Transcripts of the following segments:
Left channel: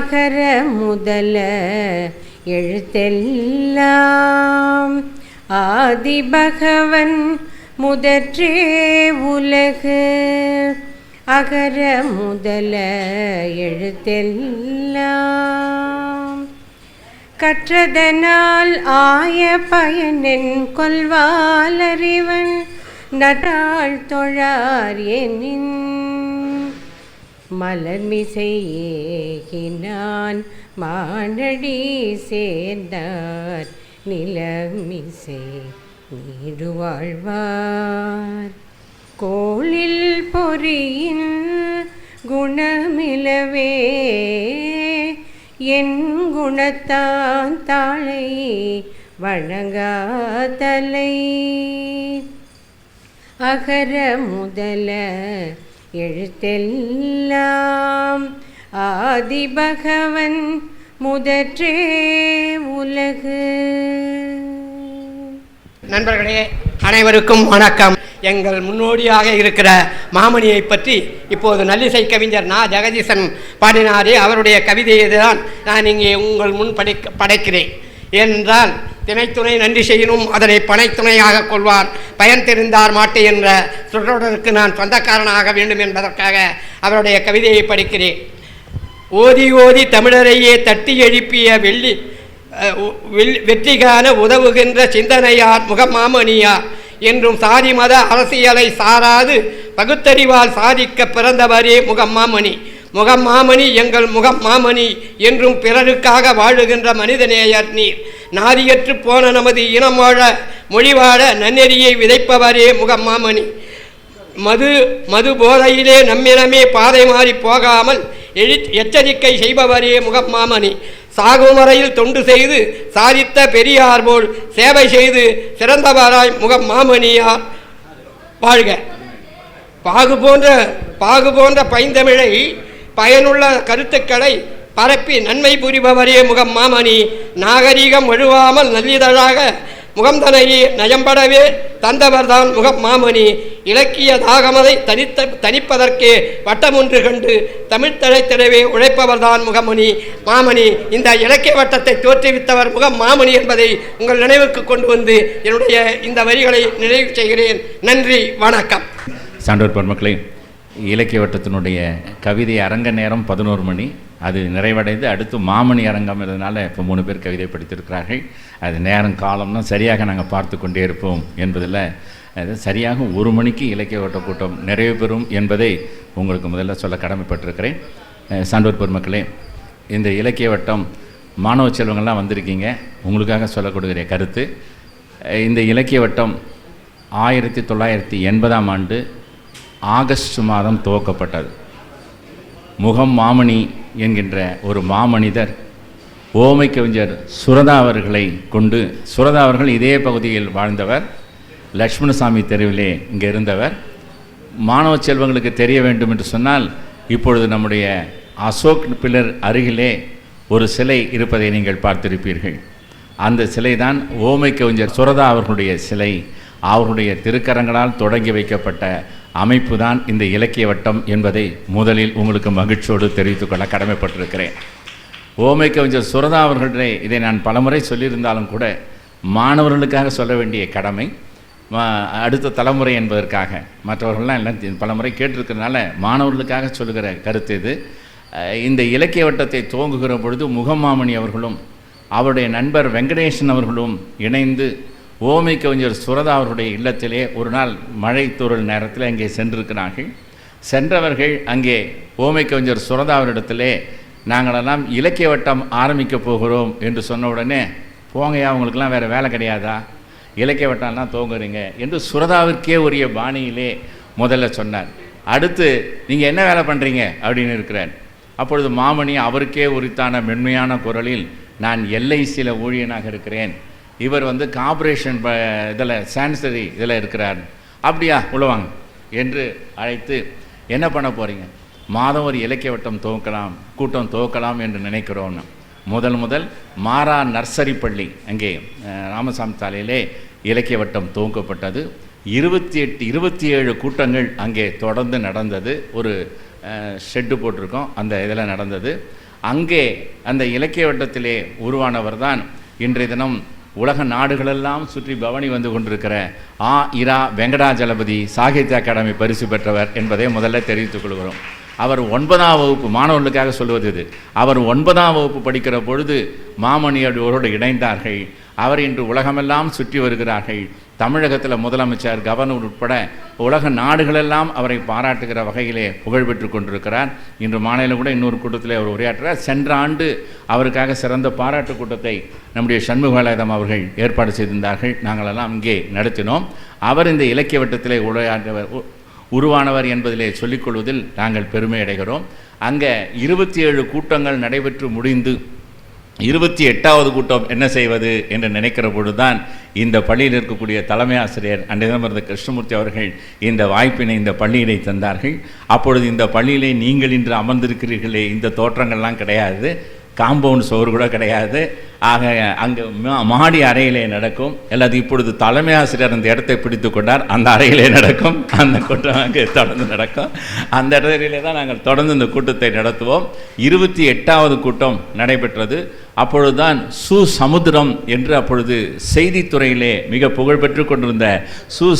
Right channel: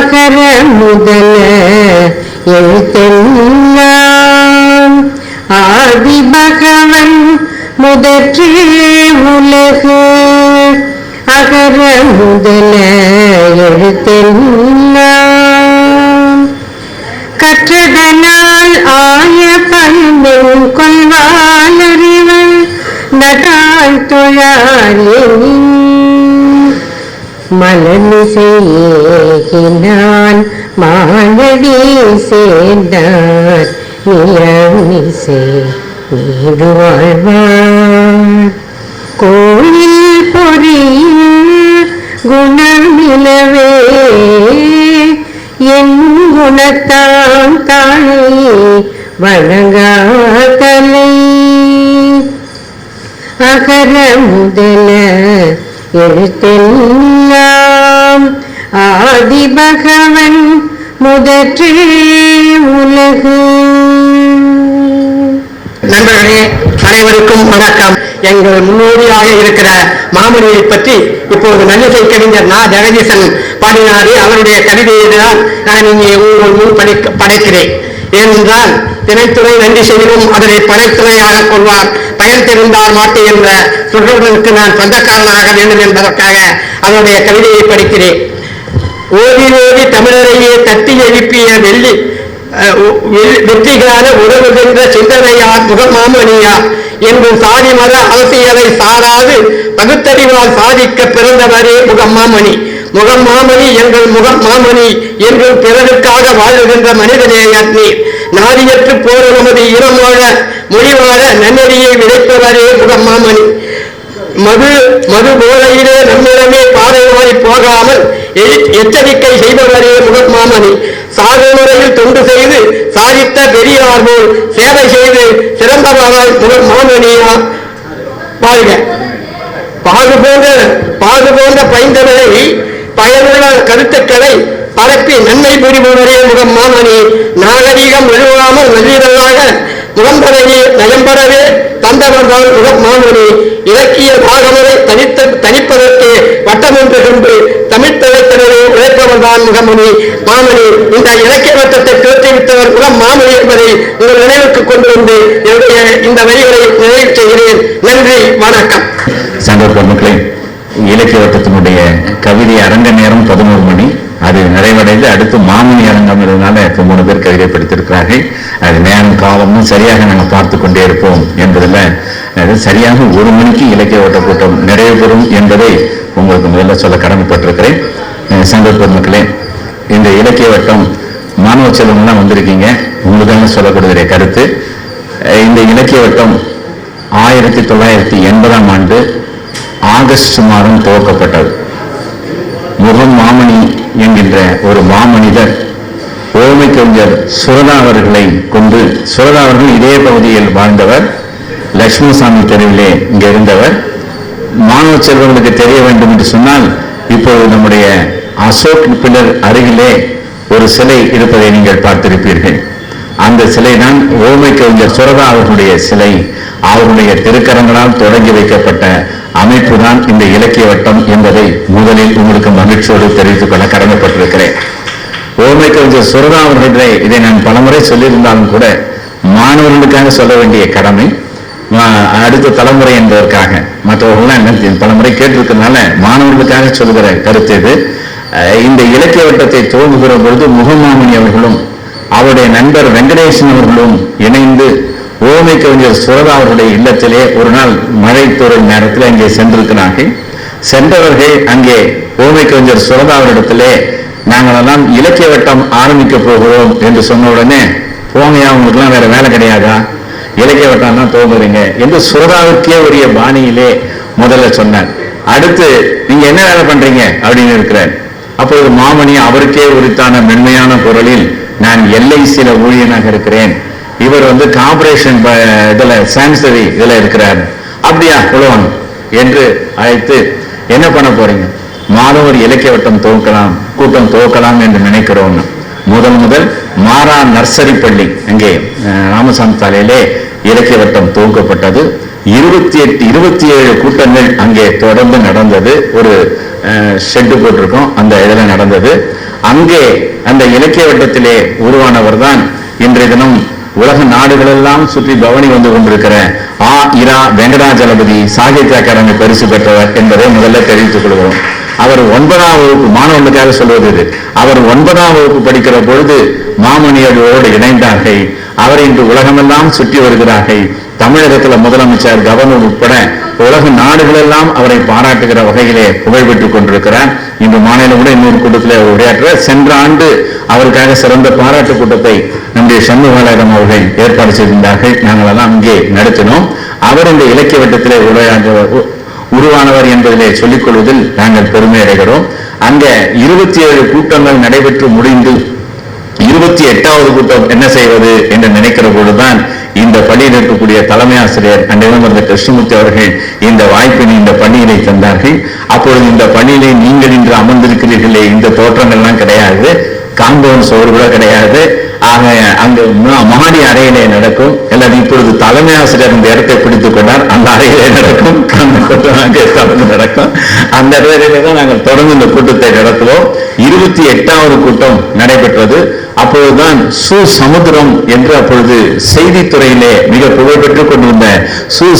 அகர முதல எழுத்தெல்லாம் ஆதி பகவன் முதற்றே உலகு. அகர முதல எழுத்தெல்லாம் கற்றதனால் ஆய பண்பின் கொள்வான் அறிவன் நடால் தொழாரே மலமிசையேகினான் மானடி சேர்ந்தார் நிலமிசை நீடு வாழ்வார். கோயில் பொறியில் குணமிலவே என் குணத்தான் தாழை வணங்காதலை. அகர முதல எழுத்தெல்லாம் ஆதி பகவன் முதற்றே உலகு. நண்பர்களே, அனைவருக்கும் வணக்கம். எங்கள் முன்னோடியாக இருக்கிற மாமணியை பற்றி இப்போது நல்லிசை கவிஞர் நா ஜெகதீசன் பாடினாரே, அவருடைய கவிதையை தான் நான் இங்கே உங்கள் முன் படைக்கிறேன். ஏனென்றால் திணைத்துறை நன்றி செய்யவும் அதனை படைத்துறையாக கொள்வார், பயன் தெரிந்தார் மாட்டு என்ற சொல்லுவதற்கு நான் சொந்தக்காரனாக வேண்டும் என்பதற்காக அவருடைய கவிதையை படிக்கிறேன். ஓதி ஓதி தமிழரையே தட்டி எழுப்பிய வெற்றிகார உறவுகின்ற சிந்தனையார் முகமாமணியார் என்றும் சாதி மத அரசியலை சாராது பகுத்தறிவால் சாதிக்க பிறந்தவரே முகமாமணி. முகமாமணி எங்கள் முகமாமணி என்றும் பிறருக்காக வாழுகின்ற மனிதநேயர் நீர். நாதியற்று போற நமது இனம் வாழ மொழி வாழ நன்னெறியை விதைப்பவரே முகமாமணி. மது போதையிலே நம்மிடமே பாதை மாறி போகாமல் எச்சரிக்கை செய்பவரே முகமாமணி. சாகுமுறையில் தொண்டு செய்து சாதித்த பெரியார் போல் சேவை செய்து சிறந்தவராய் முகமாமணியா வாழ்க. பாகு போன்ற பைந்தமிழை பயனுள்ள கருத்துக்களை பரப்பி நன்மை புரிபவரே முகமாமணி. நாகரீகம் வழுவாமல் நல்லிதழாக முகம்பரையே நயம்படவே தந்தவர்தான் முகமாமணி. இலக்கிய தாகமரை தனிப்பதற்கே வட்டமொன்று கொண்டு தமிழ்த்தலைத்தனவே உழைப்பவர்தான் முகமணி மாமணி. இந்த இலக்கிய வட்டத்தை தோற்றுவித்தவர் முகமாமணி என்பதை உங்கள் நினைவுக்கு கொண்டு வந்து என்னுடைய இந்த வரிகளை நிறைவு செய்கிறேன். நன்றி, வணக்கம். சான்றோர் மக்களே, இலக்கிய வட்டத்தினுடைய கவிதை அரங்க நேரம் 11 மணி. அது நிறைவடைந்து அடுத்து மாமணி அரங்கம் இருந்தனால இப்போ 3 பேர் கவிதை படித்திருக்கிறார்கள். அது நேரம் காலமும் சரியாக நாங்கள் பார்த்து கொண்டே இருப்போம் என்பதில் சரியாக 1 மணிக்கு இலக்கிய வட்ட கூட்டம் நிறைவு பெறும் என்பதை உங்களுக்கு முதல்ல சொல்ல கடமைப்பட்டிருக்கிறேன். சான்றோர் மக்களே, இந்த இலக்கிய வட்டம் மாணவ செல்வங்கள்லாம் வந்திருக்கீங்க. உங்களுக்காக சொல்லக்கூடிய கருத்து, இந்த இலக்கிய வட்டம் 1980ஆம் ஆண்டு ஆகஸ்ட் மாதம் துவக்கப்பட்டது. முகமாமணி என்கின்ற ஒரு மாமனிதர் ஓமை கவிஞர் சுரதா அவர்களை கொண்டு, சுரதா அவர்கள் இதே பகுதியில் வாழ்ந்தவர், லட்சுமணசாமி தெருவிலே இங்கே இருந்தவர். மாணவ செல்வங்களுக்கு தெரிய வேண்டும் என்று சொன்னால், இப்பொழுது நம்முடைய அசோக் பில்லர் அருகிலே ஒரு சிலை இருப்பதை நீங்கள் பார்த்திருப்பீர்கள். அந்த சிலை தான் ஓமை கவிஞர் சுரதா அவர்களுடைய சிலை. அவருடைய திருக்கரங்களால் தொடங்கி வைக்கப்பட்ட அமைப்பு தான் இந்த இலக்கிய வட்டம் என்பதை முதலில் உங்களுக்கு மகிழ்ச்சியோடு தெரிவித்துக் கொள்ள கடமைப்பட்டிருக்கிறேன். ஓமை கவிஞர் சுரதா அவர்களுடைய இதை நான் பலமுறை சொல்லியிருந்தாலும் கூட மாணவர்களுக்காக சொல்ல வேண்டிய கடமை, அடுத்த தலைமுறை என்பதற்காக. மற்றவர்கள்லாம் என்ன பலமுறை கேட்டிருக்கிறதுனால மாணவர்களுக்காக சொல்கிற கருத்து இது. இந்த இலக்கிய வட்டத்தை துவங்குகிற பொழுது முகமாமணி அவர்களும் அவருடைய நண்பர் வெங்கடேசன் அவர்களும் இணைந்து ஓமை கவிஞர் சுரதா அவருடைய இல்லத்திலே ஒரு நாள் மழை தோறும் நேரத்தில் அங்கே சென்றிருக்கிறார்கள். சென்றவர்கள் அங்கே ஓமை கவிஞர் சுரதா அவரிடத்திலே நாங்களெல்லாம் இலக்கிய வட்டம் ஆரம்பிக்க போகிறோம் என்று சொன்ன உடனே, போங்கயா, உங்களுக்குலாம் வேற வேலை கிடையாதா, இலக்கிய வட்டம் தான் துவங்குறீங்க என்று சுரதாவுக்கே உரிய பாணியிலே முதல்ல சொன்னார். அடுத்து நீங்க என்ன வேலை பண்றீங்க அப்படின்னு இருக்கிறார். அப்போது மாமணி அவருக்கே உரித்தான மென்மையான குரலில், நான் LICல ஊழியனாக இருக்கிறேன், இவர் கார்பரேஷன் இதுல சான்சரி இதுல இருக்கிறார், அப்படியா உழவாங்க என்று அழைத்து, என்ன பண்ண போறீங்க, மாதம் ஒரு இலக்கிய வட்டம் கூட்டம் துவக்கலாம் என்று நினைக்கிறோம். முதல் மாறா நர்சரி பள்ளி அங்கே ராமசாமி சாலையிலே இலக்கிய வட்டம் துவக்கப்பட்டது. 27 கூட்டங்கள் அங்கே தொடர்ந்து நடந்தது. ஒரு ஷெட்டு போட்டிருக்கோம், அந்த இதில் நடந்தது. அங்கே அந்த இலக்கிய வட்டத்திலே உருவானவர் தான் இன்றைய தினம் உலக நாடுகளெல்லாம் சுற்றி பவனி வந்து கொண்டிருக்கிற இரா வெங்கடாஜலபதி சாகித்ய அகாடமி பரிசு பெற்றவர் என்பதை முதல்ல தெரிவித்துக் கொள்கிறோம். அவர் 9ஆம் வகுப்பு மாணவர்களுக்காக சொல்வது இது. அவர் 9ஆம் வகுப்பு படிக்கிற பொழுது மாமணியோடு இணைந்தார்கள். அவர் இன்று உலகமெல்லாம் சுற்றி வருகிறார்கள். தமிழகத்தில் முதலமைச்சர், கவர்னர் உட்பட உலக நாடுகளெல்லாம் அவரை பாராட்டுகிற வகையிலே புகழ் பெற்றுக் கொண்டிருக்கிறார். இன்று மாநில கூட இன்னொரு கூட்டத்தில் உரையாற்ற சென்ற ஆண்டு அவருக்காக சிறந்த பாராட்டு கூட்டத்தை நம்முடைய சண்முகாலயம் அவர்கள் ஏற்பாடு செய்திருந்தார்கள். நாங்கள் எல்லாம் இங்கே நடத்தினோம். அவர் இந்த இலக்கிய வட்டத்திலே உருவானவர் என்பதிலே சொல்லிக் கொள்வதில் நாங்கள் பெருமை அடைகிறோம். அங்க 27 கூட்டங்கள் நடைபெற்று முடிந்து 28வது கூட்டம் என்ன செய்வது என்று நினைக்கிற பொழுதுதான் இந்த பள்ளியில் இருக்கக்கூடிய தலைமை ஆசிரியர் அன்றைய கிருஷ்ணமூர்த்தி அவர்கள் இந்த வாய்ப்பினை இந்த பள்ளியிலே தந்தார்கள். அப்பொழுது இந்த பள்ளியிலே நீங்கள் இன்று அமர்ந்திருக்கிறீர்களே, இந்த தோற்றங்கள்லாம் கிடையாது, காம்பவுண்ட் சுவர் கூட கிடையாது. ஆக அங்கு மாடி அறையிலே நடக்கும். அல்லது இப்பொழுது தலைமை ஆசிரியர் இந்த இடத்தை பிடித்துக் கொண்டார், அந்த அறையிலே நடக்கும், தொடர்ந்து நடக்கும். அந்த அறையிலே தான் நாங்கள் தொடர்ந்து இந்த கூட்டத்தை நடத்துவோம். 28வது கூட்டம் நடைபெற்றது. அப்பொழுதுதான் சமுத்திரம் என்று அப்பொழுது செய்தித்துறையிலே மிக புகழ் பெற்றுக் கொண்டிருந்த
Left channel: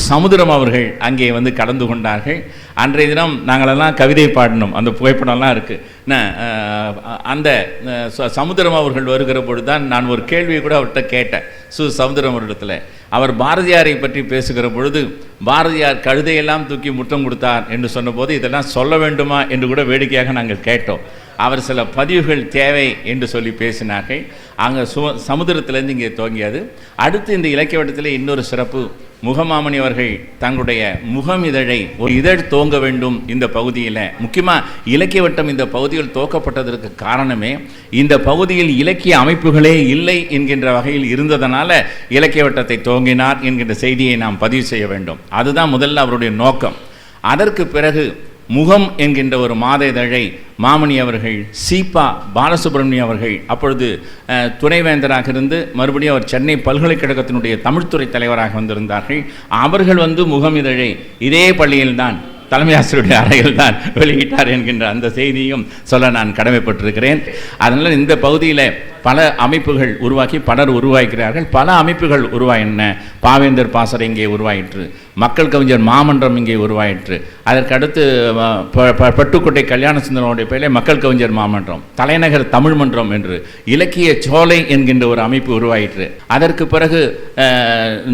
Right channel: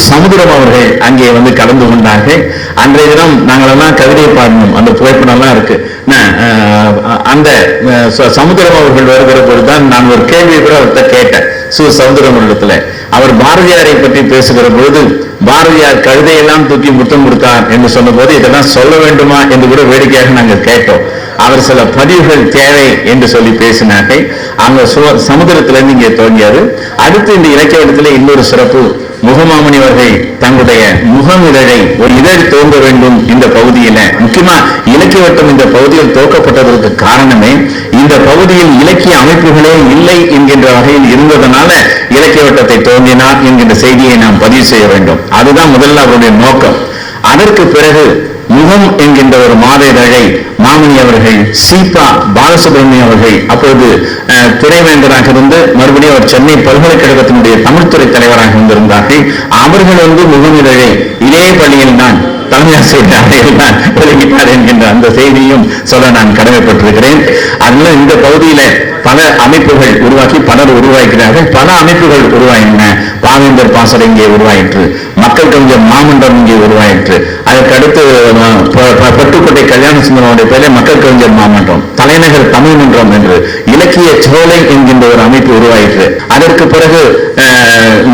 சமுத்திரம் அவர்கள் அங்கே வந்து கலந்து கொண்டார்கள். அன்றைய தினம் நாங்கள் எல்லாம் கவிதை பாடணும், அந்த புகைப்படம் எல்லாம் இருக்கு. அந்த சமுத்திரம் அவர்கள் வருகிற பொழுதுதான் நான் ஒரு கேள்வியை கூட அவர்கிட்ட கேட்டேன். சமுத்திரம் இடத்துல அவர் பாரதியாரை பற்றி பேசுகிற பொழுது பாரதியார் கழுதையெல்லாம் தூக்கி முத்தம் கொடுத்தார் என்று சொன்ன போது இதெல்லாம் சொல்ல வேண்டுமா என்று கூட வேடிக்கையாக நாங்கள் கேட்டோம். அவர் சில பதிவுகள் தேவை என்று சொல்லி பேசினார்கள். அங்க சமுத்திரத்திலிருந்து இங்கே தோன்றியது. அடுத்து இந்த இலக்கிய வட்டத்திலே இன்னொரு சிறப்பு, முகமாமணி அவர்கள் தங்களுடைய முகம் இதழை ஒரு இதழ் தோன்ற வேண்டும் இந்த பகுதியில. முக்கியமா இலக்கிய வட்டம் இந்த பகுதியில் தோக்கப்பட்டதற்கு காரணமே இந்த பகுதியில் இலக்கிய அமைப்புகளே இல்லை என்கின்ற வகையில் இருந்ததனால இலக்கிய வட்டத்தை தோன்றினார் என்கின்ற செய்தியை நாம் பதிவு செய்ய வேண்டும். அதுதான் முதல்ல அவருடைய நோக்கம். அதற்கு பிறகு முகம் என்கின்ற ஒரு மாத இதழை மாமணி அவர்கள், சீபா பாலசுப்ரமணியம் அவர்கள் அப்பொழுது துணைவேந்தராக இருந்து மறுபடியும் அவர் சென்னை பல்கலைக்கழகத்தினுடைய தமிழ்துறை தலைவராக இருந்திருந்தார்கள். அவர்கள் வந்து முகம் இதழை இதே பள்ளியில் தான் தலைமை ஆசிரியருடைய அறையில் தான் வெளியிட்டார் என்கின்ற அந்த செய்தியும் சொல்ல நான் கடமைப்பட்டிருக்கிறேன். அதனால இந்த பகுதியில பல அமைப்புகள் உருவாக்கி பலர் உருவாக்கிறார்கள். பல அமைப்புகள் உருவாயின. பாவேந்தர் பாசறை இங்கே உருவாயிற்று, மக்கள் கவிஞர் மாமன்றம் இங்கே உருவாயிற்று. அதற்கு அடுத்து பட்டுக்கோட்டை கல்யாண சுந்தரனுடைய பேரில் மக்கள் கவிஞர் மாமன்றம், தலைநகர் தமிழ் மன்றம் என்று இலக்கிய சோலை என்கின்ற ஒரு அமைப்பு உருவாயிற்று. அதற்கு பிறகு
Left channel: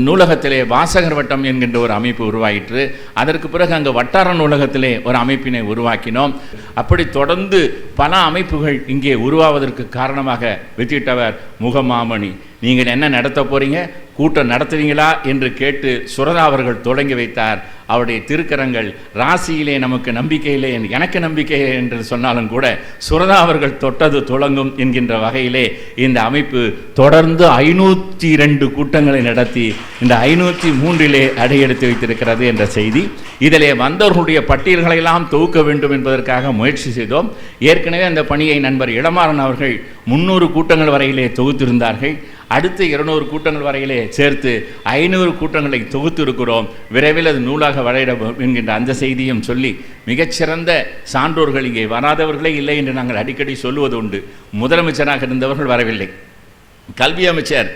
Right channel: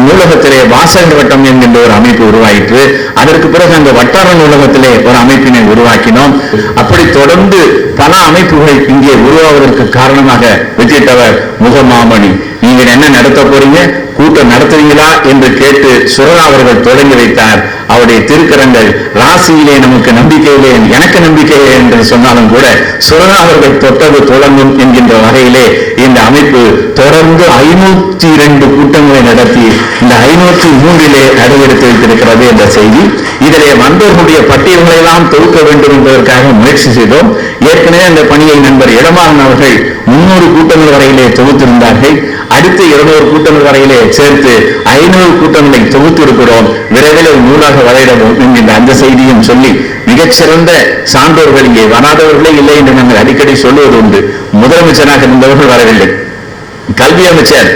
நூலகத்திலே வாசகர் வட்டம் என்கின்ற ஒரு அமைப்பு உருவாயிற்று. அதற்கு பிறகு அந்த வட்டார நூலகத்திலே ஒரு அமைப்பினை உருவாக்கினோம். அப்படி தொடர்ந்து பல அமைப்புகள் இங்கே உருவாவதற்கு காரணமாக வித்திட்டவர் முகமாமணி. நீங்க என்ன நடத்த போறீங்க, கூட்டம் நடத்துவீங்களா என்று கேட்டு சுரதா அவர்கள் தொடங்கி வைத்தார். அவருடைய திருக்கரங்கள் ராசியிலே நமக்கு நம்பிக்கையிலே எனக்கு நம்பிக்கையிலே என்று சொன்னாலும் கூட சுரதா அவர்கள் தொட்டது தொடங்கும் என்கின்ற வகையிலே இந்த அமைப்பு தொடர்ந்து 502 கூட்டங்களை நடத்தி இந்த 503 அடியெடுத்து வைத்திருக்கிறது என்ற செய்தி. இதிலே வந்தவர்களுடைய பட்டியல்களை எல்லாம் தொகுக்க வேண்டும் என்பதற்காக முயற்சி செய்தோம். ஏற்கனவே அந்த பணியை நண்பர் இடமாறன் அவர்கள் 300 கூட்டங்கள் வரையிலே தொகுத்திருந்தார்கள். அடுத்து 200 கூட்டங்கள் வரையிலே சேர்த்து 500 கூட்டங்களை தொகுத்து இருக்கிறோம். விரைவில் ஒரு நூலாக வரையிடவும் என்கின்ற அந்த செய்தியும் சொல்லி மிகச்சிறந்த சான்றோர்கள் இங்கே வராதவர்களே இல்லை என்று நாங்கள் அடிக்கடி சொல்லுவது உண்டு. முதலமைச்சராக இருந்தவர்கள் வரவில்லை. கல்வி அமைச்சர்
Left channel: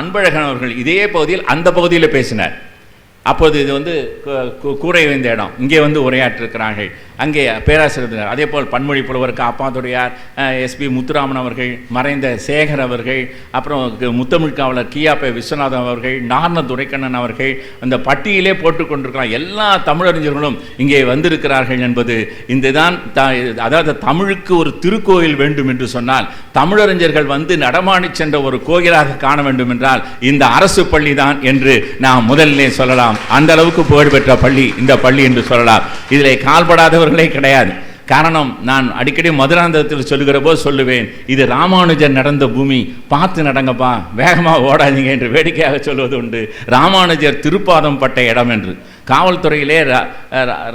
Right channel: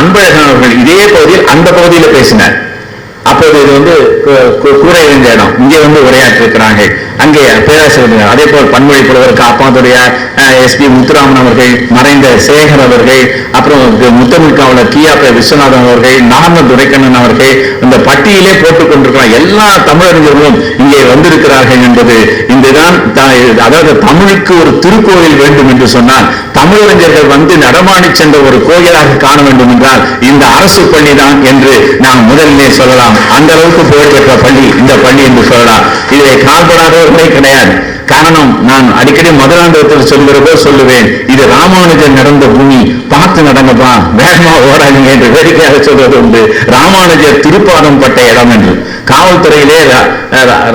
அன்பழகன் அவர்கள் இதே பகுதியில் அந்த பகுதியில் பேசினார். அப்போது இது வந்து கூரை இருந்த இடம், இங்கே வந்து உரையாற்றிருக்கிறாங்க. அங்கே பேராசிரியர், அதே போல் பன்மொழி புலவர் காப்பாத்துறையார், SP முத்துராமன் அவர்கள், மறைந்த சேகர் அவர்கள், அப்புறம் முத்தமிழ் காவலர் கியாபே விஸ்வநாதன் அவர்கள், நார்ம துரைக்கண்ணன் அவர்கள் இந்த பட்டியலே போட்டுக் கொண்டிருக்கிறார். எல்லா தமிழறிஞர்களும் இங்கே வந்திருக்கிறார்கள் என்பது இங்குதான். அதாவது தமிழுக்கு ஒரு திருக்கோயில் வேண்டும் என்று சொன்னால் தமிழறிஞர்கள் வந்து நடமாடி சென்ற ஒரு கோயிலாக காண வேண்டும் என்றால் இந்த அரசு பள்ளி தான் என்று நாம் முதலிலே சொல்லலாம். அந்த அளவுக்கு புகழ்பெற்ற பள்ளி இந்த பள்ளி என்று சொல்லலாம். இதை கால்படாதவர்களே கிடையாது. காரணம், நான் அடிக்கடி மதுராந்தகத்தில் சொல்கிறப்போ சொல்லுவேன், இது ராமானுஜர் நடந்த பூமி, பார்த்து நடங்கப்பா, வேகமா ஓடாதீங்க என்று வேடிக்கையாக சொல்வது உண்டு. ராமானுஜர் திருப்பாதம் பட்ட இடம் என்று. காவல்துறையிலே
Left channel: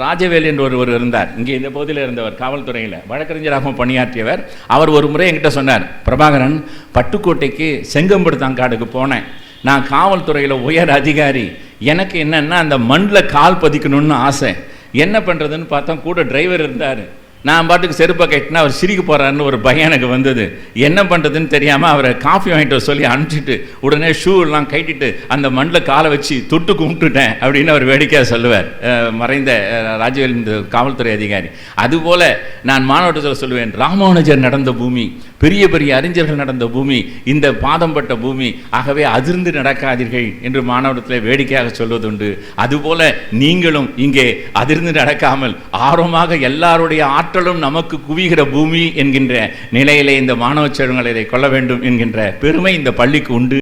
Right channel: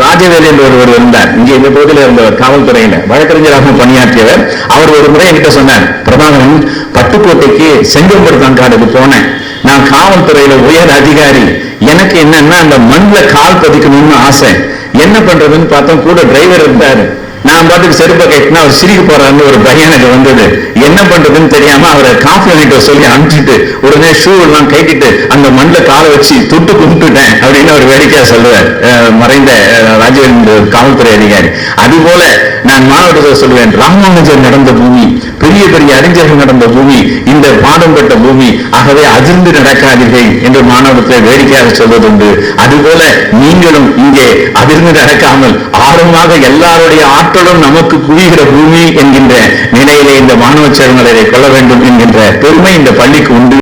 ராஜவேல் என்று ஒருவர் இருந்தார். இங்கே இந்த பகுதியில் இருந்தவர், காவல்துறையில வழக்கறிஞராக பணியாற்றியவர். அவர் ஒரு முறை என்கிட்ட சொன்னார், பிரபாகரன், பட்டுக்கோட்டைக்கு செங்கம்படுத்தாங்காடுக்கு போனேன். நான் காவல்துறையில உயர் அதிகாரி. எனக்கு என்னன்னா அந்த மண்ணில் கால் பதிக்கணும்னு ஆசை. என்ன பண்றதுன்னு பார்த்தோம், கூட டிரைவர் இருந்தாரு. நான் பாட்டுக்கு செருப்பை கட்டினா அவர் சிரிக்க போறாருன்னு ஒரு பயம் எனக்கு வந்தது. என்ன பண்றதுன்னு தெரியாம அவரை காஃபி வாங்கிட்டு சொல்லி அனுப்பிச்சுட்டு உடனே ஷூ எல்லாம் கட்டிட்டு அந்த மண்ணில் காலை வச்சு தொட்டு கும்பிட்டுட்டேன் அப்படின்னு அவர் வேடிக்கையா சொல்லுவார், மறைந்த ராஜவேந்திர காவல்துறை அதிகாரி. அது போல நான் மாணவர்கள் சொல்லுவேன், ராமானுஜர் நடந்த பூமி, பெரிய பெரிய அறிஞர்கள் நடந்த பூமி, இந்த பாடம் பட்ட பூமி. ஆகவே அதிர்ந்து நடக்காதீர்கள் என்று மாணவர்களை வேடிக்கையாக சொல்வதுண்டு. அதுபோல நீங்களும் இங்கே அதிர்ந்து நடக்காமல் ஆர்வமாக எல்லாருடைய ஆற்றலும் நமக்கு குவிகிற பூமி என்கின்ற நிலையிலே இந்த மாணவ செல்வங்களை கொள்ள வேண்டும் என்கின்ற பெருமை இந்த பள்ளிக்கு உண்டு.